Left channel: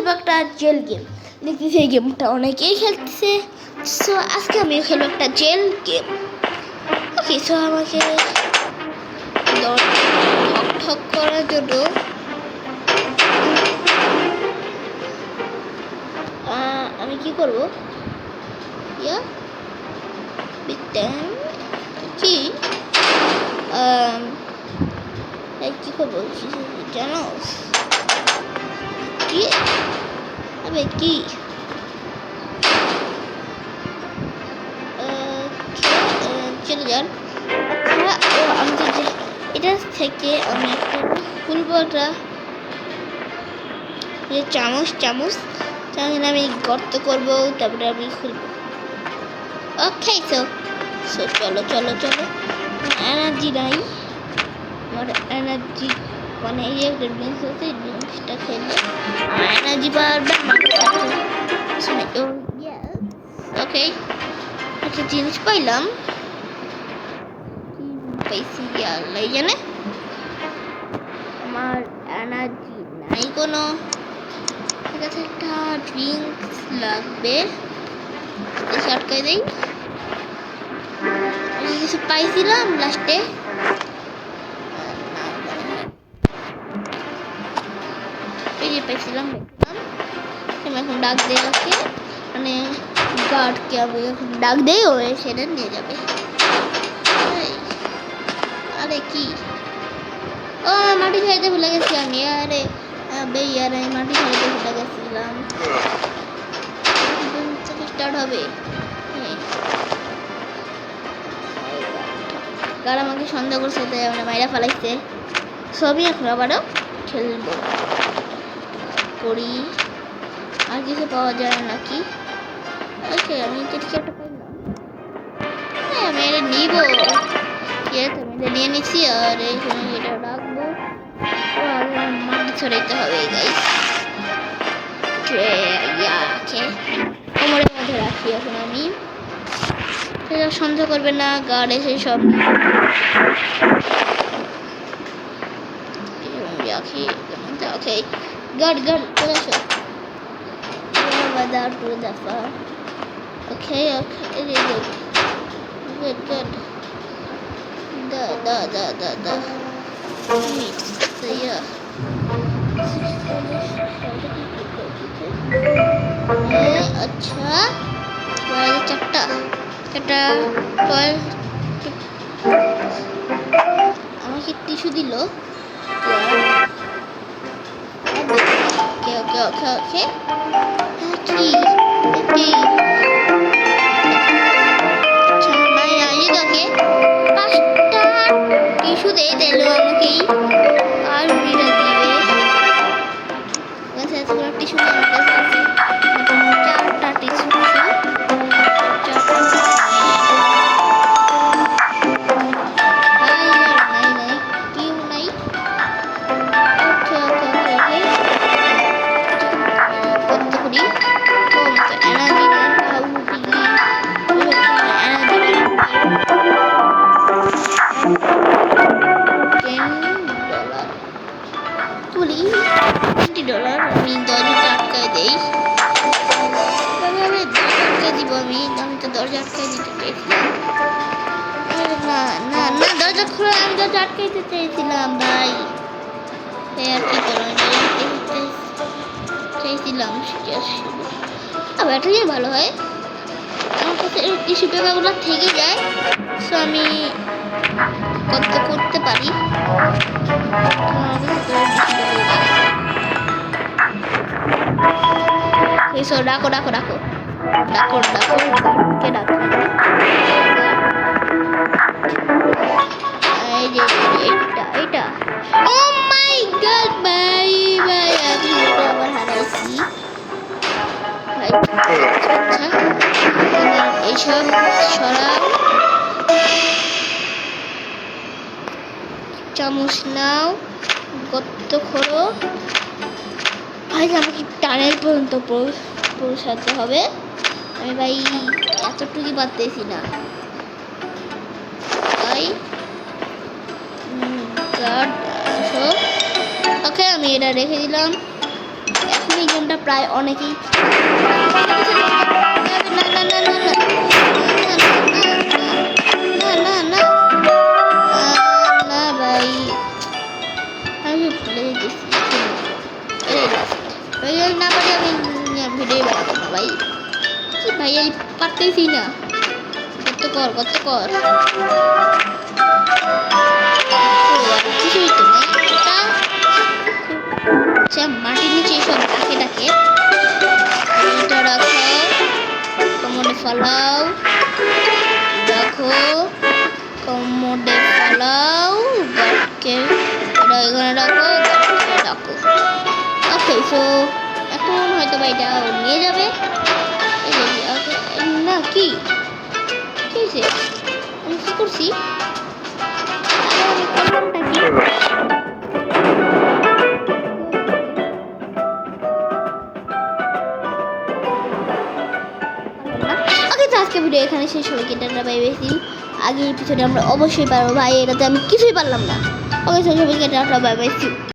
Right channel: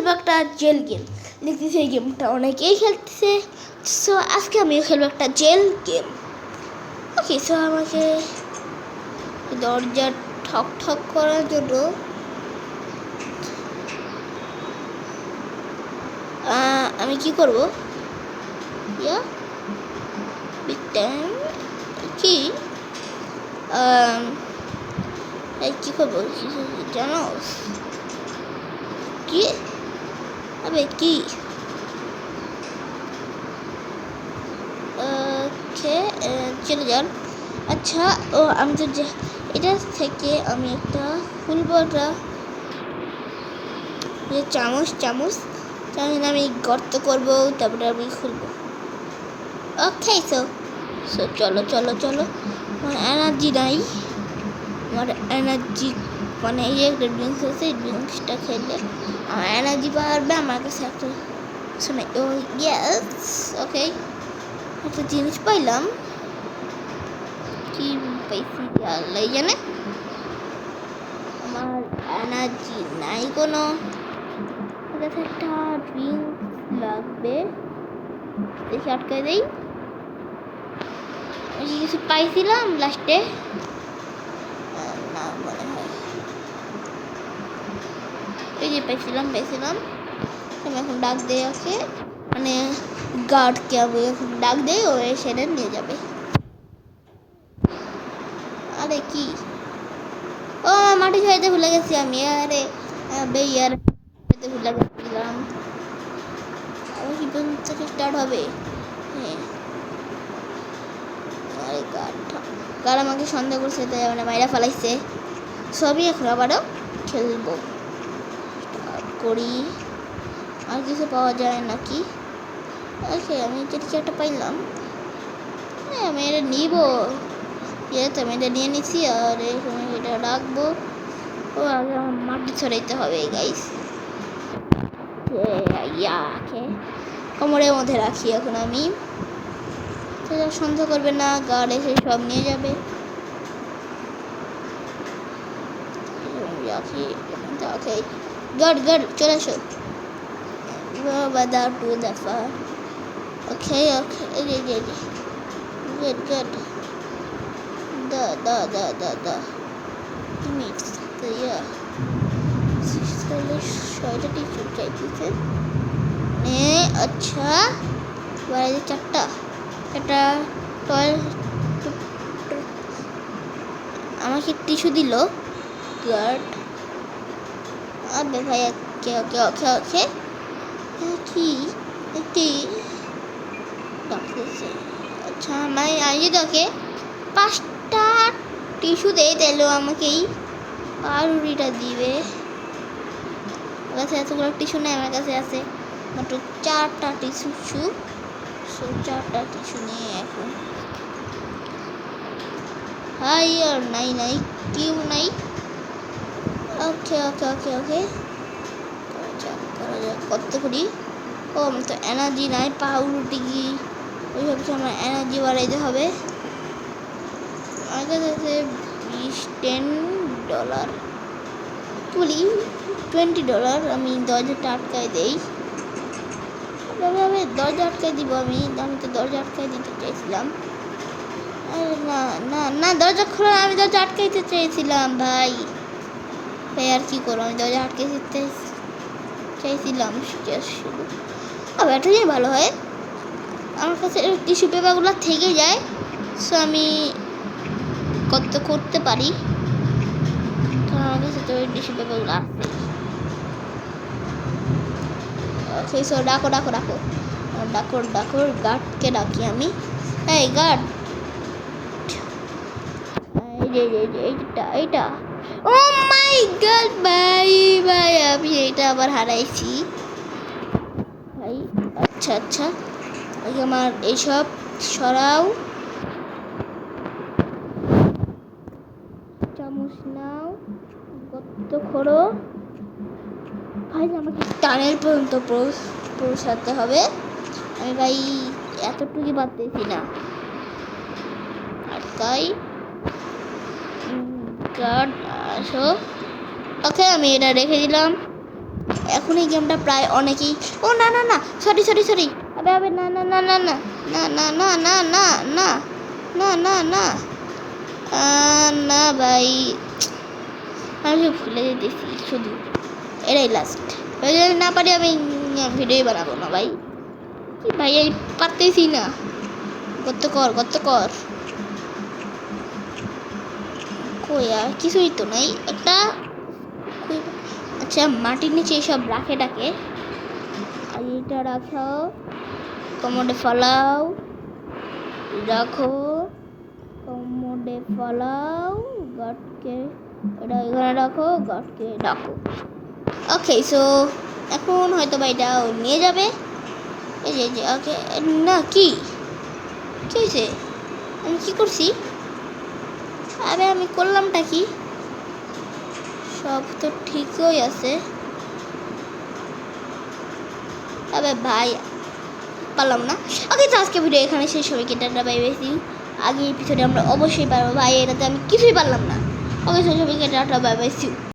খেলবো একটা jail game. দেখতেছি এই গেমটা অনেকেই খেলতেছে, সো আজকে আমিও খেলবো একটা জেল গেম। ওকে, সো আমাকে দরজা ঠক ঠক করার জন্য আমি কি করবো? ইয়া বিগ টাইম কি কি করবো জানো? কি আবে কি চলে যান। আচ্ছা, ও আমি তো যে এটা থেকে আমি একটা খুলবো, একটা চামচ তাহলে আমি গর্ত করবো, তারপরে আমি খুলবো। ওকে, সো চলো চলো চলো। এনার্জি নাই, আমার এনার্জি মানে এই একটা ড্রিঙ্কস আছে, ড্রিঙ্কসটা খেলে আমার এনার্জি বাড়বে। আমার সাথে শুনে ও ইয়েস, ওকে একটা জিনিস পাইলাম। কি পাইছি আল্লাহ জানে। আমার এনার্জি নাই কোনো, ঠিক আছে একটা ড্রিঙ্কস লাগবে। দেখি আটকাই দেই, কিছু পাইছিলাম লাস্টে না মনে হয়। এই যে পাইছিলাম আমি এখন ডাক দিয়ে ওকে, মানে গার্ডকে আমি এখন ডাক দেই, ও সেটা নিয়ে যাবে। আরে কি, ও মাটি খাইতে ভুলে গেছি আমি। আরে বেয়ারে মাটি খাইতে ভুলে গেছিলাম। স্টার্ট হবে। কার আমাকে সন্দেহ করছে, তাই মানে মাইরা ফেলাইছে। সবই এখন আবারও খেলবো করি। আর কিছু পাওয়া যায় নাকি? ওকে, আমি কিছু একটা পাইলাম। হ্যাঁ, আমি এটা নিব। ঠিক আছে, আমি এটা নিয়ে নিচ্ছি আর এখানে এটা রাখবো। ও আগে মাটি ছড়াইতে হবে গাইস। কোমরের মধ্যে রাখছি এখন আমি। সেটা সন্দেহ করবে না, গার্ড এসে সব নিয়ে যাবে। ওকে গার্ড চলে আসো। To the far. Okay. Good. The meat. So yeah. अच्छा चारटा আমাকে টিস্যু দিল। আর দেখা যাচ্ছে ওকে কি আচ্ছা ভাই আজ দেখে 5টা টিস্যু দিয়ে দিল আমাকেই, আর উড়িটা দিবে। আমার কাছে এতগুলো টিস্যু নেই, আমার কাছে আছে 4টা টিস্যু। 4টা টিস্যু নিয়ে হাই আর নাই কেউ নাই। ওকে করতে করি। ও আমার তো এনার্জি নাই, পাউরুটি দিয়ে আমার এনার্জি বাড়াতে হবে। $10 তুলি, $20। আমি দরজাটা আটকাই দেই। দরজা আটকাই দিব। আমি তো দরজা আটকাই দিতে চাইছিলাম। না দরজা খোলা, আমি দরজা আটকাইতে চাইছিলাম ভাই। আর কি করো, আমি দরজা আটকাইতে চাইছিলাম শুধু। ব্যাটারি ভালো হয়, আমার কাছে টিস্যু পেপারগুলো থেকে যায়, সো আমি করতে পারি। ডাকো গার্ডকে ডাকি আমি। এই গার্ড, এইটা ও মাই গড ভাই আমি এটা আবার হারাইছি ভাই। আচ্ছা তোমার এইসব সরাও, চামচ নাও, গর্ত খোঁড়ো ভাই। আমাকে টানেল পর্যন্ত পৌঁছাতে হবে। আমি ভাই এতটুকু পারতেছি না তাই। গার্ড আসো। ওকে, আমি এটা রেখে দিলাম। এখন এই গেমটা প্রায় অনেকেই সরি সরি সরি না না না না না না না না না না না না না না ভাই আমি ভুলে যেতেছি শুধু এটাই লাস্ট না পারি আমি ভিডিও বানাবো না ভাই কি ভাই আমি পারতেছি না কত কর কিছুই তো নেই একটা আচ্ছা মাটির নিচে সব ডাকে এইটা রাখো কমোডে ফালাও রাখো কমোডে ফালাও গাটকে এটা এখানে রাখো গাটকে রাখো ওকে সো এখন হয়তো বা এটা নিয়ে যাবে এই যে ওকে না কি হয়েছে আমি কী করছি আরে আমি করলামটা কি সব তো ঠিকই আছে তবে ভাই পারলাম না ওকে তো আজকে ভিডিও এখানে শেষ হবে কেটাটা বাই বেশি আগে এপিসোডে আমরা অবশ্যই পারবো ভাই এটাতে আমি কিছুই পারলাম না ওকে শেষ হবে কেটাটা বাই বাই